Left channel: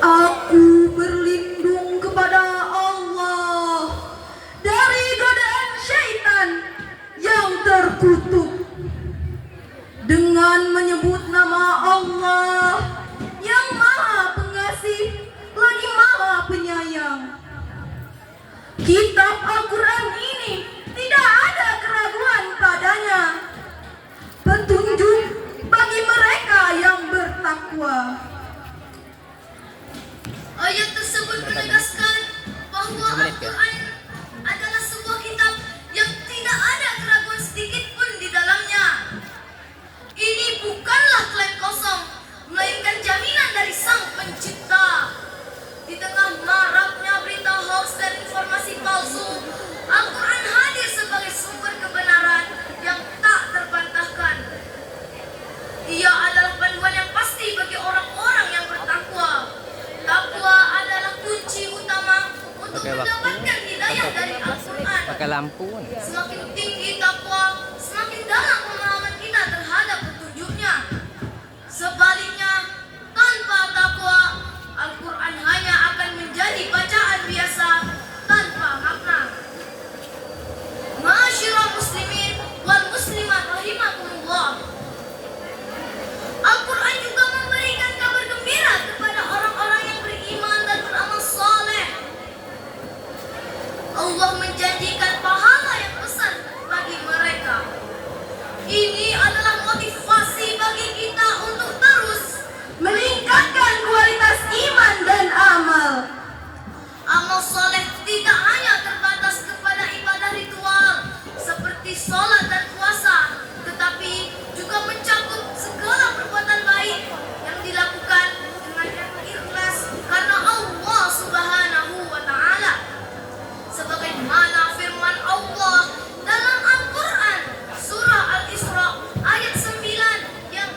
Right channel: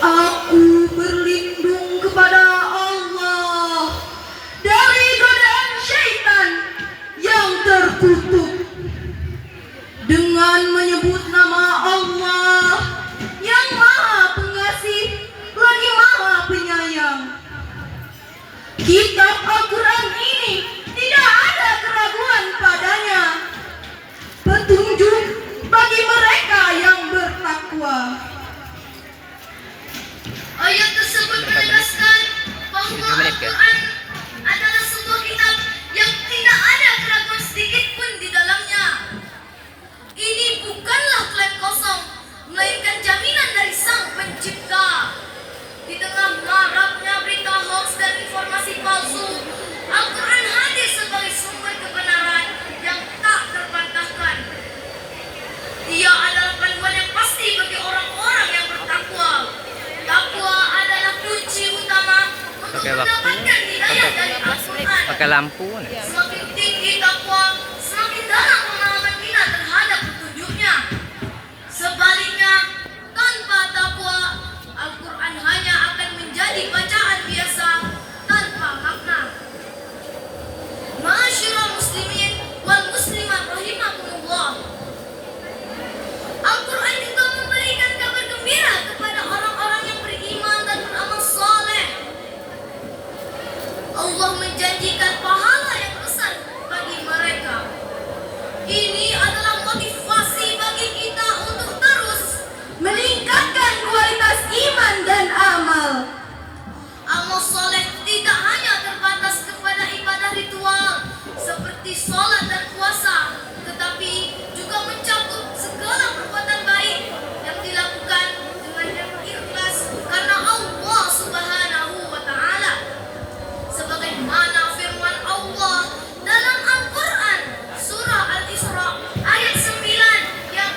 Aku berlindung kepada Allah dari godaan syaitan yang terkutuk dengan menyebut nama Allah yang Maha Pengasih lagi Maha Penyayang. Kitab Al-Quran ini tidak ada keraguan padanya, petunjuk bagi mereka yang bertakwa. Ayat tersebut menegaskan bahwa Al-Quran adalah sebuah kitab yang tidak ada keraguan sedikit pun di dalamnya. Ini bukanlah klaim kosong, melainkan jaminan dari Sang Pencipta. Di tengah maraknya berita hoax dan informasi palsu, Al-Quran hadir sebagai sumber kebenaran yang tak terbantahkan. Ia adalah panduan yang pasti bagi orang-orang yang bertakwa. Takwa adalah kunci utama untuk mendapatkan hidayah dari Al-Quran. Pakai lampu. Semakin tinggi takwa, semakin dalam pemahaman kita terhadap petunjuknya. Sebaliknya, tanpa takwa, Al-Quran hanya akan menjadi bacaan biasa tanpa makna. Ma'asyiral muslimin wal muslimat rahimakumullah. Al-Quran juga memberikan kabar gembira kepada orang-orang yang beriman dan beramal saleh. Allah menjanjikan pahala yang besar bagi mereka. Ini adalah motivasi bagi kita untuk terus Meningkatkan kualitas iman dan amal. amal soleh tidak hanya terbatas kepada ibadah ritual seperti sholat dan puasa, tetapi juga mencakup segala perbuatan baik yang dilakukan dengan ikhlas karena Allah Subhanahu wa Ta'ala. Sebagaimana firman Allah dalam Al-Quran surah Al-Isra ayat 9 yang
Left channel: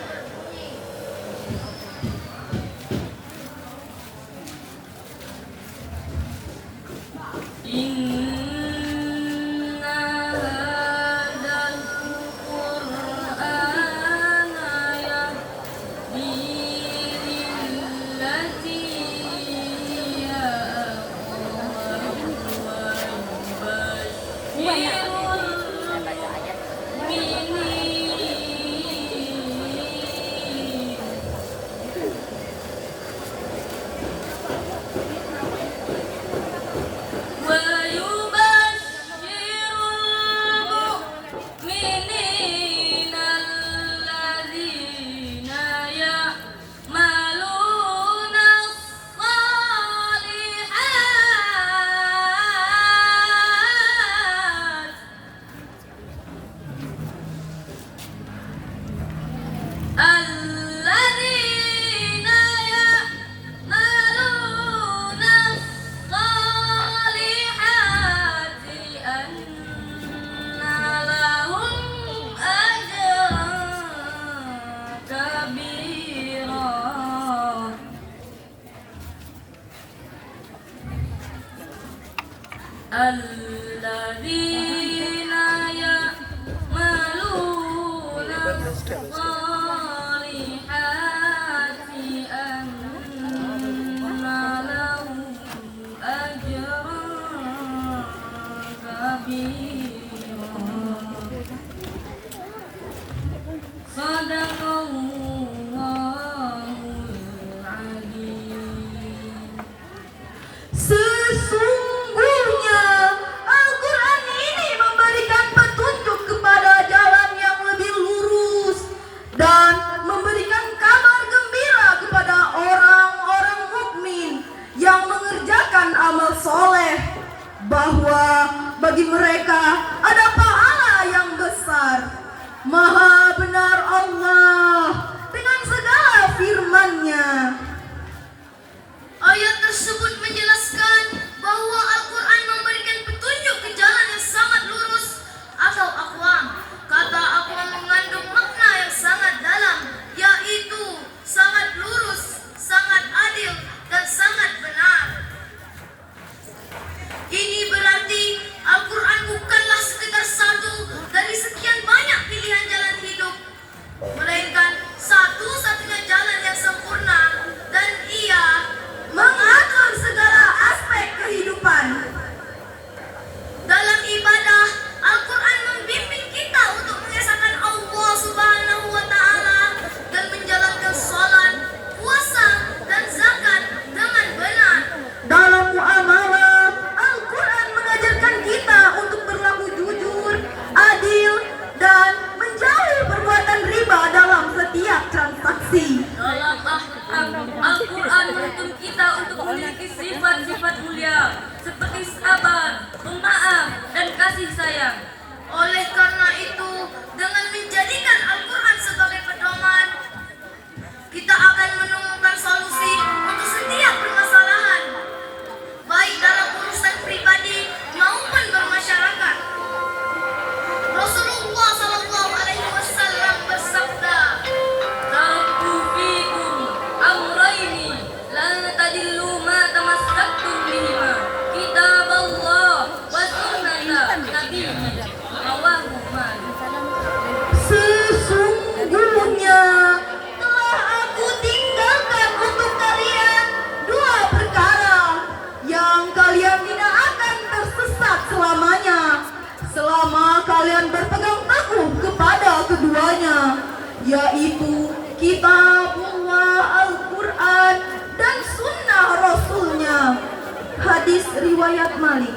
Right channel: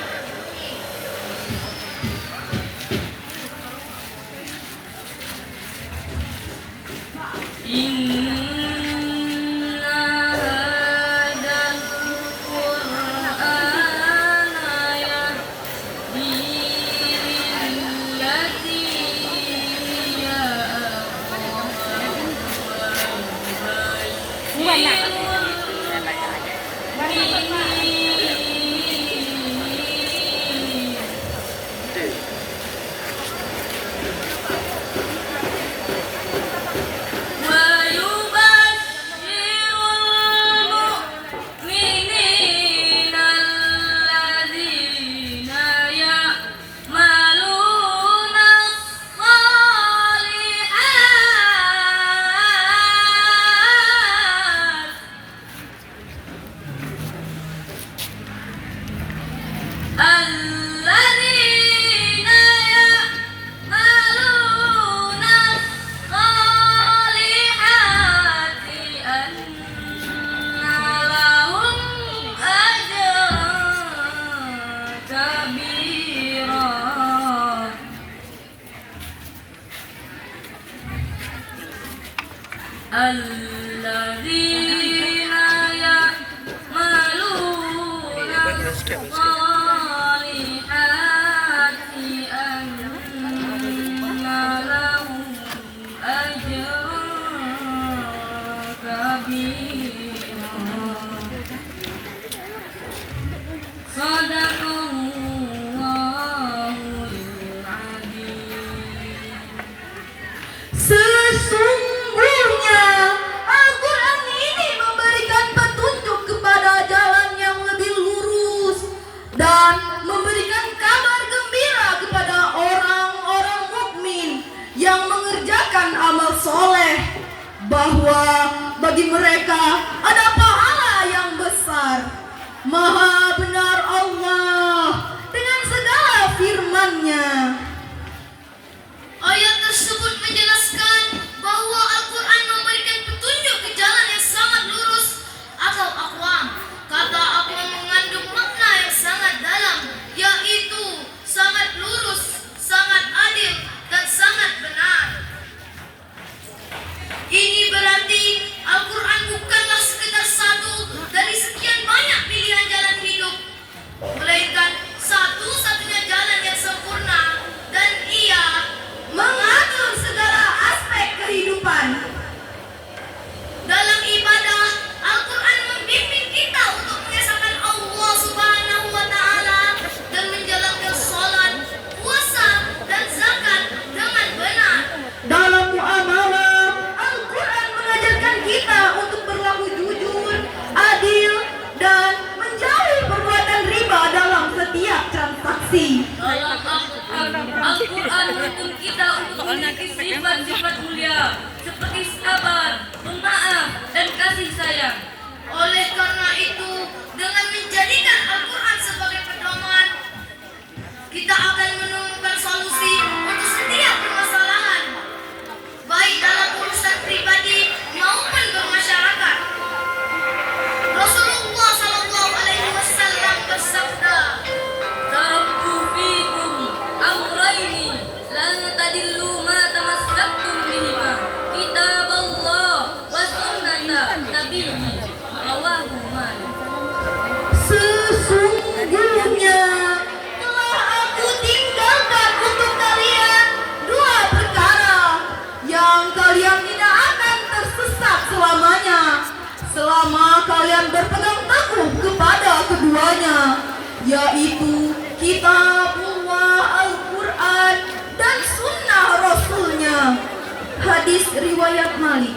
الذين يعملون الصالحات أن لهم أجرا كبيرا. صدق Allahul Azim. Sesungguhnya Al-Quran ini memberikan petunjuk kepada jalan yang lebih lurus dan memberi bahwa bagi mereka ada pahala yang besar. Maha benar Allah dengan segala firman-Nya. Ayat tersebut menjelaskan bahwa Al-Quran memberikan petunjuk ke jalan yang sangat lurus atau aqwam. Kata aqwam mengandung makna yang sangat dalam, yaitu sangat lurus, sangat adil, dan sangat benar. Ini berarti Al-Quran bukanlah sekedar satu dari sekian banyak pilihan jalan hidup, melainkan satu-satunya jalan yang sempurna, dan ia Mengatur segala aspek kehidupan. dalam ibadah. Al-Quran membimbing kita untuk mengesahkan Allah Subhanahu wa Ta'ala dan menjalankan sholat, puasa, dan zakat dengan benar. Dalam muamalah, Al-Quran mengajarkan kita untuk berlaku jujur, adil, dan menjauhi perbuatan riba dalam setiap transaksi. Al-Quran menuntun kita untuk memiliki sifat-sifat mulia seperti sabar, pemaaf, dan kasih sayang. Oleh karena itu, dengan menjadikan Al-Quran sebagai pedoman, kita akan menemukan solusi untuk setiap permasalahan, baik dalam urusan pribadi maupun bermasyarakat. Rasulullah SAW bersabda, Taraktu fikum amrayni lan tadillu ma tamassaktum bihima, kitab Allah wa sunnata nabiyyi, rawahu Malik. Sesungguhnya telah aku tinggalkan untuk kalian dua perkara yang kalian tidak akan tersesat selamanya, selama kalian berpegang teguh kepada keduanya, yaitu kitabullah Al-Quran dan sunnah Rasulnya. Hadis riwayat Malik.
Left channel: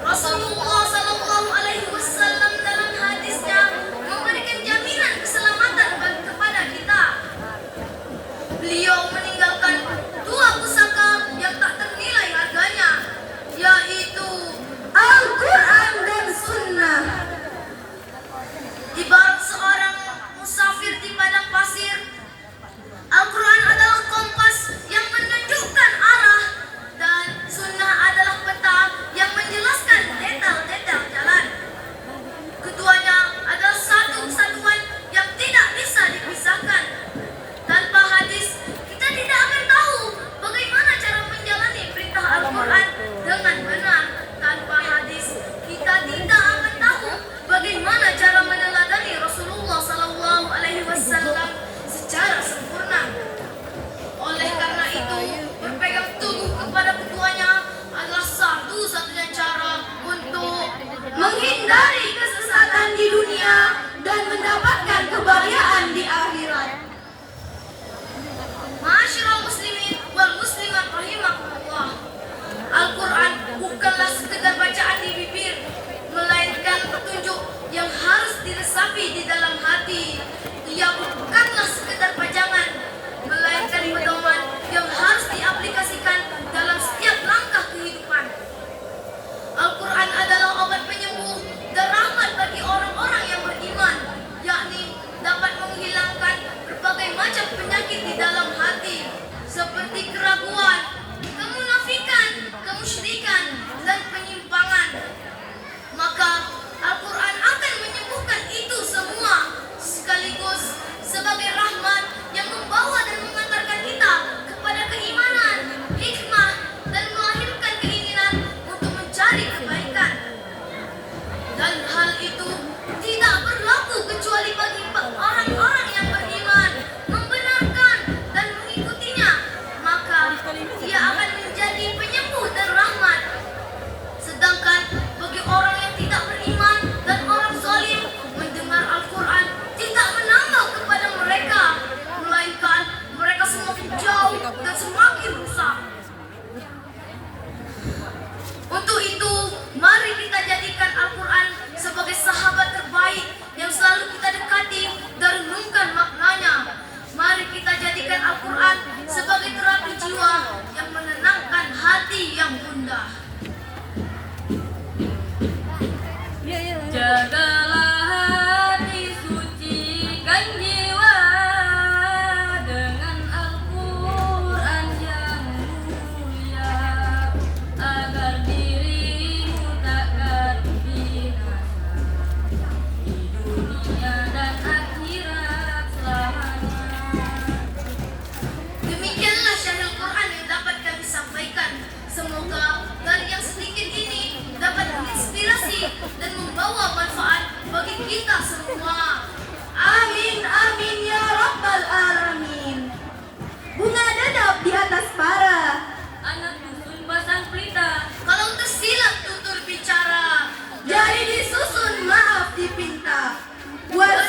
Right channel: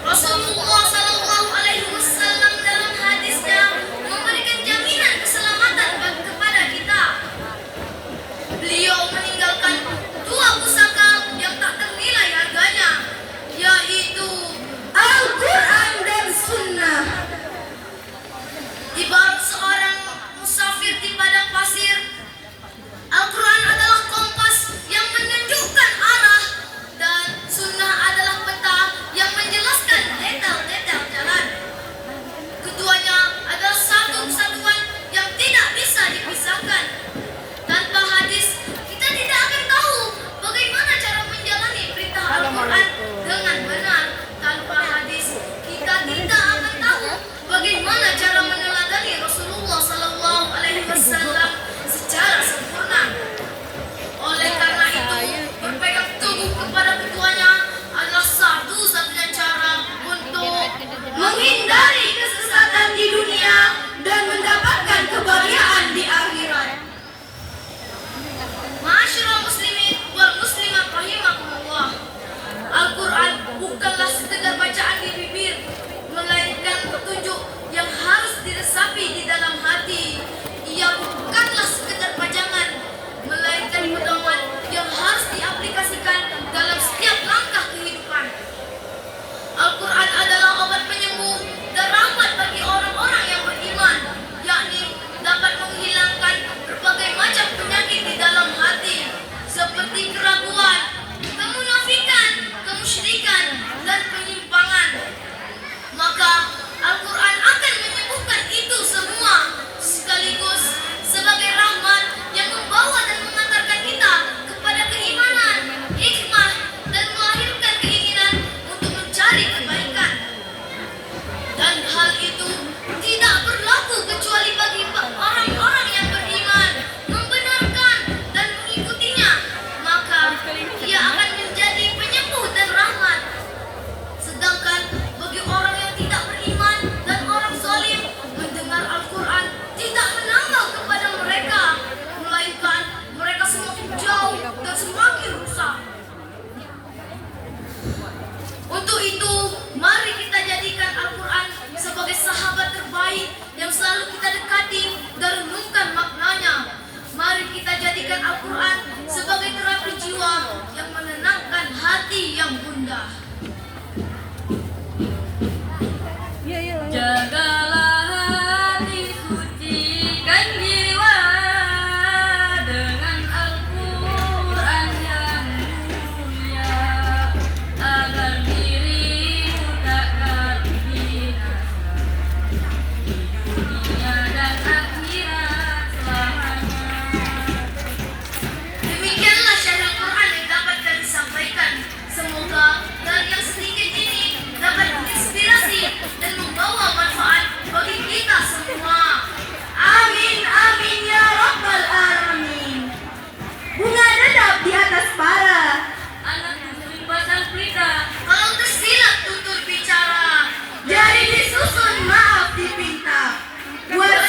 Rasulullah SAW dalam hadisnya memberikan jaminan keselamatan kepada kita. Beliau meninggalkan dua pusaka yang tak ternilai harganya, yaitu Al-Quran dan sunnah. ibarat seorang musafir di padang pasir. Al-Quran adalah kompas yang menunjukkan arah, dan sunnah adalah peta yang menjelaskan detail-detail jalan. Keduanya adalah satu kesatuan yang tidak bisa dipisahkan. Tanpa hadis, kita tidak akan tahu bagaimana cara menjalani perintah Al-Quran dengan benar. Tanpa hadis, kita tidak akan tahu bagaimana cara meneladani Rasulullah SAW secara sempurna. Oleh karena itu, berpegang teguh kepada keduanya adalah satu-satunya cara untuk Menghindari kesesatan di dunia dan mendapatkan kebahagiaan di akhirat. Ma'asyiral muslimin wal muslimat rahimakumullah. Al-Quran bukanlah sekedar bacaan di bibir, melainkan petunjuk yang harus diresapi di dalam hati. Ia bukanlah sekedar pajangan, melainkan pedoman yang harus diaplikasikan dalam setiap langkah kehidupan. Al-Quran adalah obat penyembuh dan rahmat bagi orang-orang yang beriman, yakni dapat menghilangkan berbagai macam penyakit di dalam hati, seperti keraguan, kemunafikan, kemusyrikan, dan penyimpangan. Maka Al-Quran akan menyembuhkan itu semua, sekaligus sebagai rahmat yang membawa dan mengantarkan kita kepada keimanan, hikmah, dan melahirkan keinginan untuk mencari kebaikan. Dan hal itu tidak berlaku kecuali bagi orang-orang yang beriman, membenarkan, dan mengikutinya. Maka ia akan menjadi penyembuh dan rahmat. Sedangkan bagi orang yang tidak beriman dan orang zalim, mendengar Al-Quran tidak menambah kepada mereka, melainkan mereka semakin jauh dan semakin rusak. Untuk itu, mari kita jadikan Al-Quran sebagai sahabat terbaik yang selalu kita dekati dan renungkan maknanya. Mari kita jadikan Al-Quran sebagai terapi jiwa yang menenangkan hati yang gundah. dipinta. Buat